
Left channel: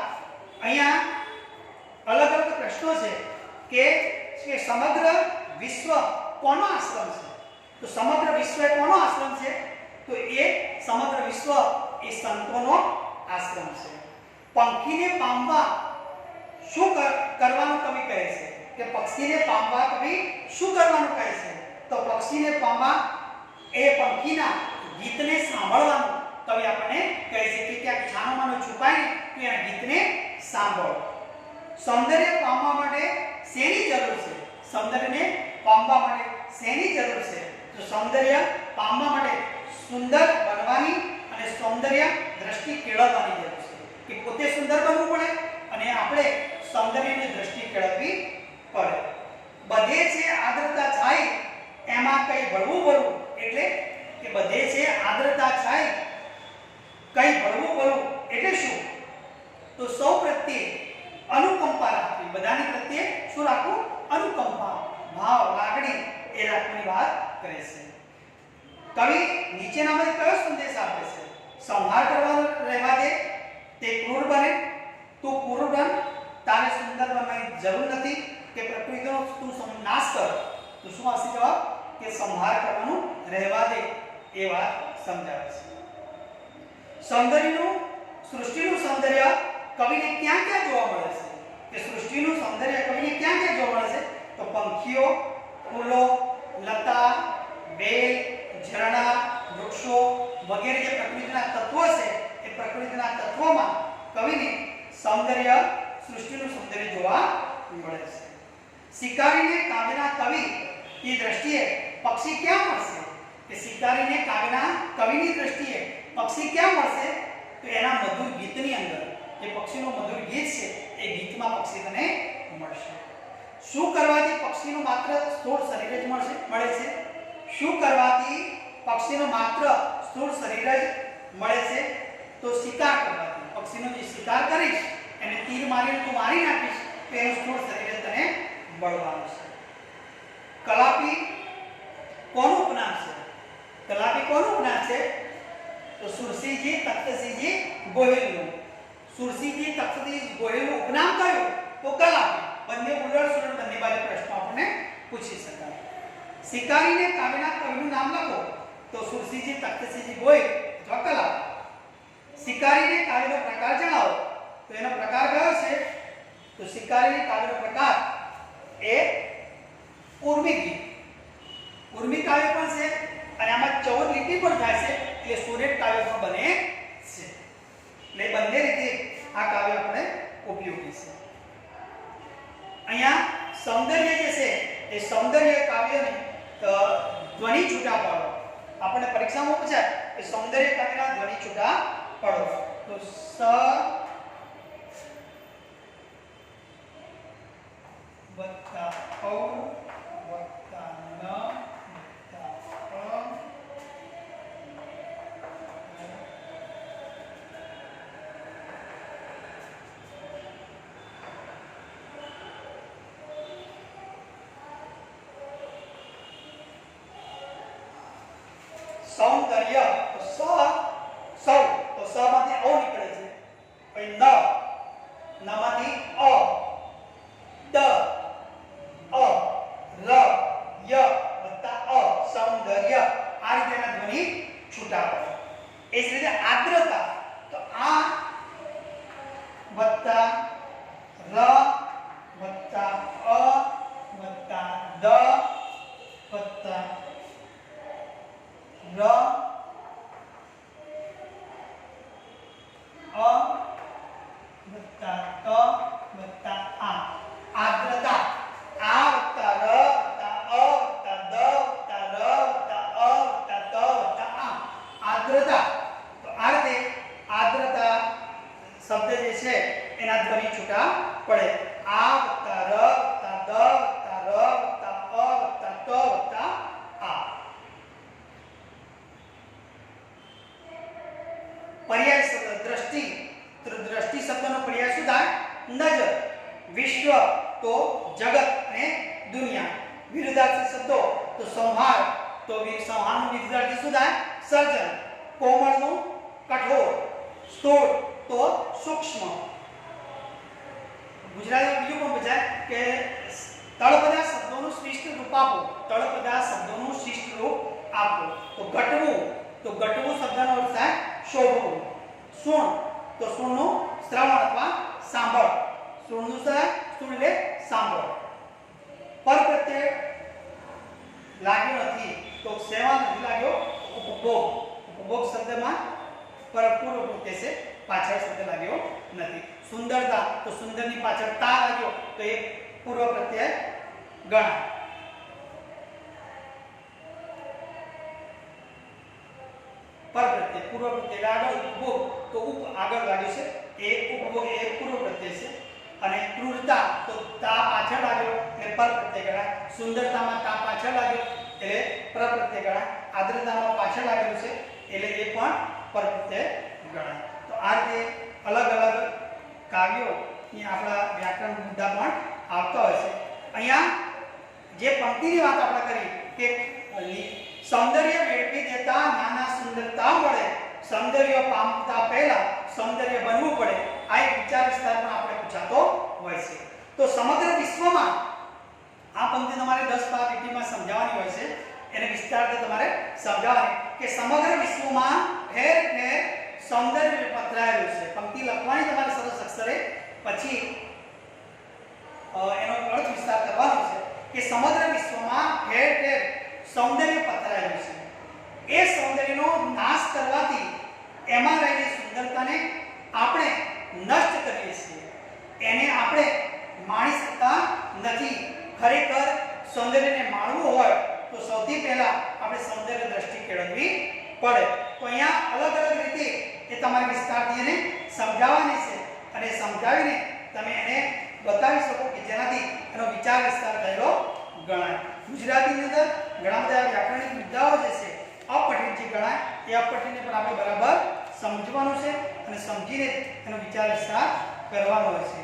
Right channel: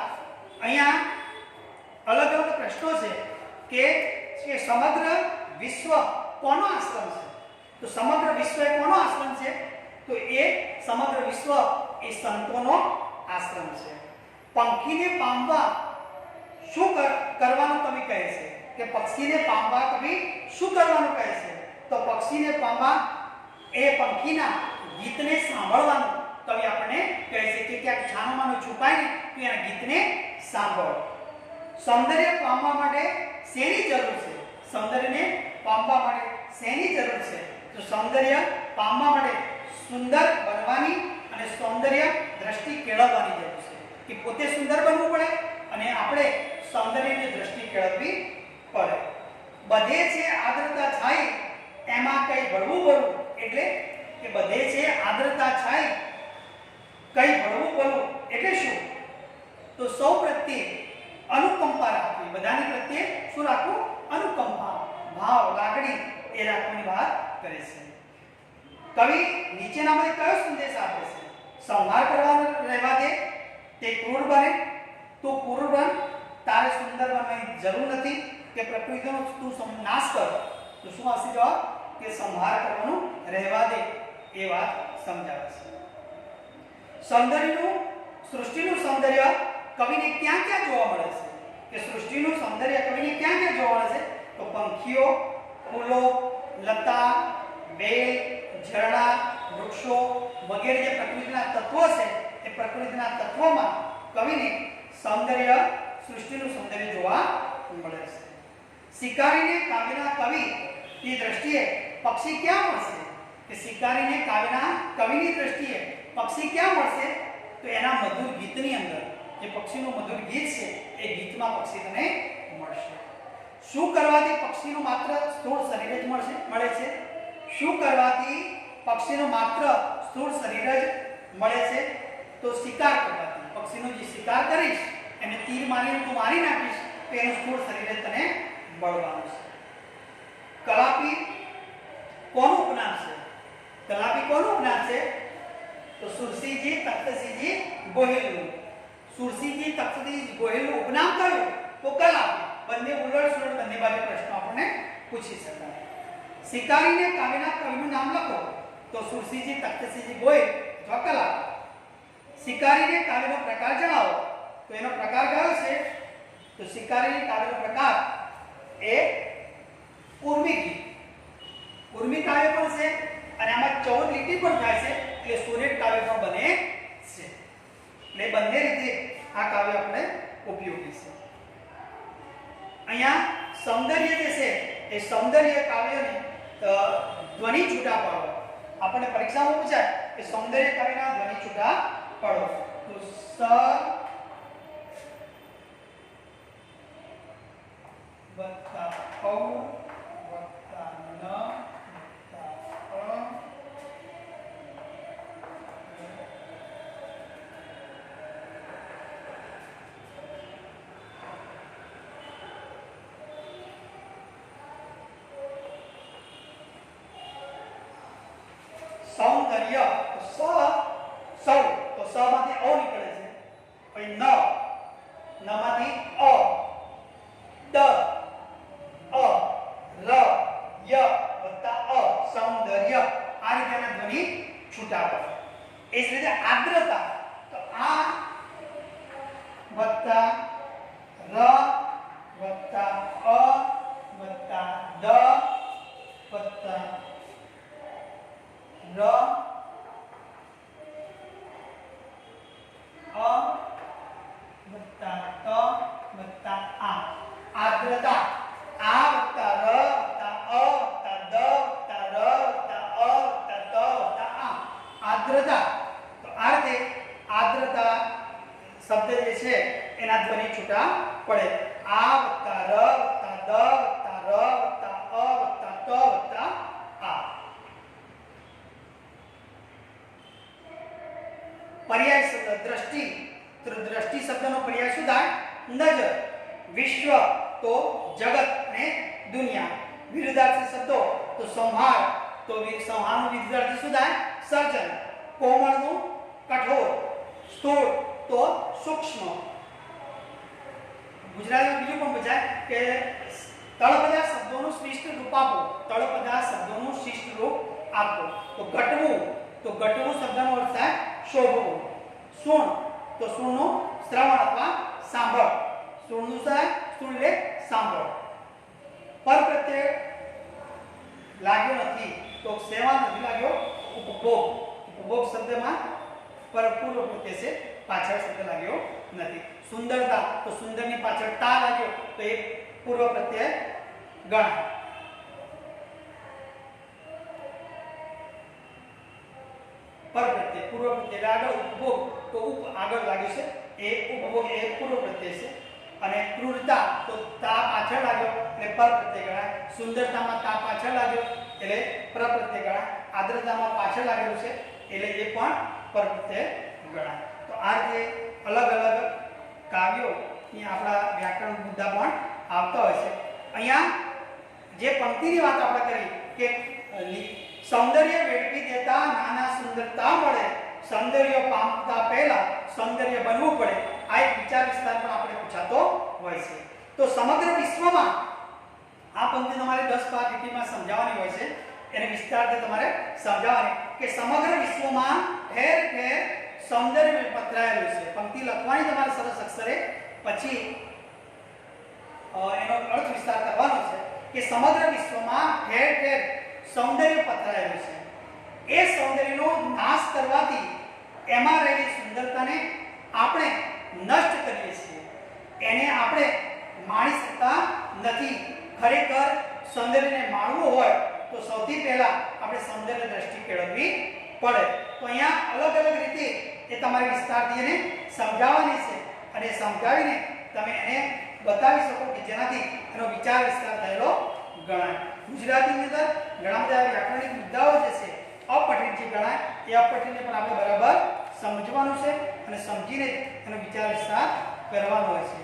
અહીંયા અલગ અલગ પ્રશ્નો છે કે સમગ્ર વિશ્વ કોનો આશ્રમ છે? તો સમગ્ર વિશ્વ એ કોનો આશ્રમ છે? તો એ સમગ્ર વિશ્વ એ સંતોનો આશ્રમ છે. પંખીને પામવા શું કરવાનું કવિ કહે છે કે પક્ષીને પામવા કવિ શું કરવાનું કહે છે? તો પક્ષીને પામવા એ પંખીના ગીતને સાંભળવાનું કવિ આપણને કહે છે કે ક્યાંક છાનોમાનો છુપાઈને તું એના ગીતને સાંભળ. સૌંદર્ય પામવા માટે શેની જરૂર છે? સૌંદર્યને પામવા માટે શેની જરૂર છે? તો સૌંદર્ય પામવા માટે સુંદર બનવાની અને સૌંદર્ય દ્રષ્ટિ કેળવવાની જરૂર છે. કે પોતે સુંદર બનવું પડે અને આપણે સૌંદર્યની દ્રષ્ટિ કેળવવી પડે. બધે છે આદ્રતા છાઈ, એમાં કઈ બળવું બોલવું. એટલે કે બધે છે આદ્રતા છાઈ, કઈ બળવું બોલવું એટલે શું? તો સૌ પ્રત્યે અનુકંપા રાખવી. બધાની પ્રત્યે શું રાખવું? અનુકંપા, ભાવ, લાગણી એ રાખવાની વાત કરે છે. કવિ નીચેનામાંથી કયો સંદેશ આપે છે? સંહાર કરવા રહેવા દે, તે ક્રૂર બને, તું ક્રૂર બન, તારે સુંદર બનવાની જરૂર નથી, કે પ્રકૃતિનો તું નાશ કર. તો શું આવશે જવાબ? કે સંહાર કરવાનું રહેવા દે. એ વાત સમજાવે છે. સૌંદર્યનું, સૃષ્ટિનું સૌંદર્ય કવિને ક્યાં ક્યાં જોવા મળે છે? કે સૃષ્ટિનું સૌંદર્ય કવિને ક્યાં ક્યાં જોવા મળે છે? તો પંખીઓ, ફૂલો, લતા, બેલ, ઝરણા, વૃક્ષો વગેરે જે પ્રકૃતિના તત્વો છે એ પ્રકૃતિના તત્વોમાં કવિને સૌંદર્ય, સૃષ્ટિનું સૌંદર્ય જોવા મળે છે. શિકારીને કાવ્યના કવિની દ્રષ્ટિએ પક્ષી ક્યાં મળશે? કે શિકારીને કાવ્યના કવિની દ્રષ્ટિએ પક્ષી ક્યાં મળશે? તો એના મધુર ગીતની અંદર. જે પક્ષીનું મધુર ગીત છે એ ગીતમાં પક્ષી તને મળશે. શું કરવાથી પક્ષીનું માત્ર સ્થૂળ શરીર જ મળે છે? શું કરવાથી પક્ષીનું માત્ર સ્થૂળ શરીર જ મળે છે? તો શિકાર કરવાથી. પક્ષીનો જે શિકાર કરીશ એને તીર મારીને તું મારી નાખીશ તો એનું સ્થૂળ શરીર તને મળવાનું છે. કલાપી કોનું ઉપનામ છે? કલાપી કોનું ઉપનામ છે? તો તો સુરસીજી તખ્તસિંહજી ગોહિલનું. સુરસીજી તખ્તસિંહજી ગોહિલનું ઉપનામ કયું? તો કલાપી. બંને ઉલટ સુલટ બંને બાજુ પ્રશ્નો આપણને પૂછી શકાય. શિકારીને કાવ્યના કવિનું નામ લખો. તો સુરસીજી તખ્તસિંહજી ગોહિલ અથવા કલાપી. શિકારીને કાવ્યનો પ્રકાર જણાવો. તો એનો પ્રકાર કયો છે? તો શિકારીને કાવ્યનો પ્રકાર એ ઉર્મી ગીત. ઉર્મી કાવ્ય પણ છે અને આમાં 14 લીટી પણ થાય છે એટલે સોનેટ કાવ્ય પણ બને છે. એટલે બંને રીતે આ કાવ્ય આપણે ઉપયોગી છે. અહીંયા સૌંદર્ય જે છે એ સૌંદર્ય કાવ્યને ધ્વનિ છૂટા પાડો. આપણને પરીક્ષામાં પૂછાય કે સૌંદર્ય કાવ્યના ધ્વનિ છૂટા પાડો. તો સ વત્તા ઔ વત્તા ન વત્તા અ સૌંદર્ય. તો સ સૌ તો સ માંથી ઓ નીકળે છે. પછી ન માંથી અ દ અ ર ય વત્તા અ સૌંદર્ય. આ રીતે એના ધ્વનિ છૂટા પડે. એ જ રીતે આર્દ્રતા. તો આ વત્તા ર વત્તા અ વત્તા દ વત્તા ર અ વત્તા ત વત્તા આ. આર્દ્રતા. આ વત્તા ર વત્તા અ વત્તા દ વત્તા ર વત્તા અ વત્તા ત વત્તા આ. આર્દ્રતા. તો આ રીતે આર્દ્રતા શબ્દ જે છે એના ધ્વનિ છૂટા પડે. આ વત્તા ર વત્તા દ વત્તા ર વત્તા અ વત્તા ત વત્તા આ. પર્યાય શબ્દ દ્રષ્ટિ. તો દ્રષ્ટિ શબ્દનો પર્યાય શું થાય? નજર. વિશ્વ તો જગત અને દુનિયા. વિરુદ્ધાર્થી શબ્દો. તો સંહાર. તો સંહારનું વિરુદ્ધાર્થી શું થાય? સર્જન. કોમળનું કઠોર. સ્થૂળ તો સૂક્ષ્મ. ગુજરાતીમાં બીજું પણ પૂછાય કે તળપદા શબ્દોનું શિષ્ટ રૂપ આપો. તળપદા શબ્દોનું શિષ્ટ રૂપ આપો. તો ઘટવું. તો ઘટવું શબ્દનો અર્થ થાય શોભવું. સુણ. તો સુણનું શ્રવણ અથવા સાંભળ. સુણનું થાય સુણ એટલે સાંભળ. પર પ્રત્યય લાગ્યો નથી. તો સેવા નથી લાગ્યો. ઉપભોગ. ઉપભોગ શબ્દમાં પર પૂર્વ પ્રત્યય છે, પાછળ શબ્દ લાગ્યો નથી. સુંદરતા. તો સુંદરની પાછળ તા લાગ્યો તો એ પૂર્વ પ્રત્યય ગણાય. પર પ્રત્યય પૂર્વ પ્રત્યય આગળ ઉપભોગ. તો ઉપ આગળ લાગ્યું છે એ ઉપભોગ એ પૂર્વ પ્રત્યય છે. અને ક્રૂરતા. તો તા પાછળ લાગ્યો એટલે પર પ્રત્યય ગણાય. સુંદરતામાં તા પાછળ લાગ્યો એટલે પર પ્રત્યય ગણાય. આર્દ્રતામાં પાછળ લાગેલું છે એટલે એ પણ પર પ્રત્યય ગણાય. તો આ રીતે અલગ અલગ કાવ્યો ની આપણા વ્યાકરણ મુદ્દા પણ આવતા હોય છે. અહીંયા જે પંક્તિની વાત આપણે કરી કે સૌંદર્ય વેડફી દેતા નાના સુંદરતા મળે. સૌંદર્ય પામતા પહેલા સૌંદર્ય બનવું પડે. આ એક વિચાર વિસ્તાર પણ આપણે પૂછાતો હોય છે. તો સમગ્ર વિશ્વમાં આ પંક્તિ તમારે 10-12 લીટીમાં સમજાવવાની હોય છે. એને વિસ્તારથી તમારે સમજાવવાની કે સમગ્ર વિશ્વમાં ઠેર ઠેર સૌંદર્ય પથરાયેલું છે. પંક્તિ લખવાની તમારે સરસ અક્ષરે, પછી એનો અર્થ વિસ્તાર કરવાનો છે કે સમગ્ર વિશ્વમાં ઠેર ઠેર સૌંદર્ય પથરાયેલું છે. એ સૌંદર્યનો નાશ કરવાથી એમાં રહેલી સુંદરતાને આપણે નષ્ટ કરીએ છીએ. એને આપણે માણી શકતા નથી. ખરેખર સૌંદર્યને માણવું હોય તો સૌથી પહેલા આપણે સૌંદર્ય દ્રષ્ટિ કેળવવી પડે. તો અહીંયા અલગ અલગ રીતે એ તમારે વિસ્તારથી એને સમજાવવાની છે અને સમજાવીને તમે એને બતાવી શકો કે જેનાથી એનો વિચાર વિસ્તાર થયેલો ગણાય. ગુજરાતીની અંદર ઘણા બધા વ્યાકરણિક મુદ્દાઓ જે છે અપઠિત જે ગણાય એ અપઠિતને પણ આપણે બરાબર સમજવાનું છે અને સમજીને એનો વિચાર વિસ્તાર કરવાનો હોય છે.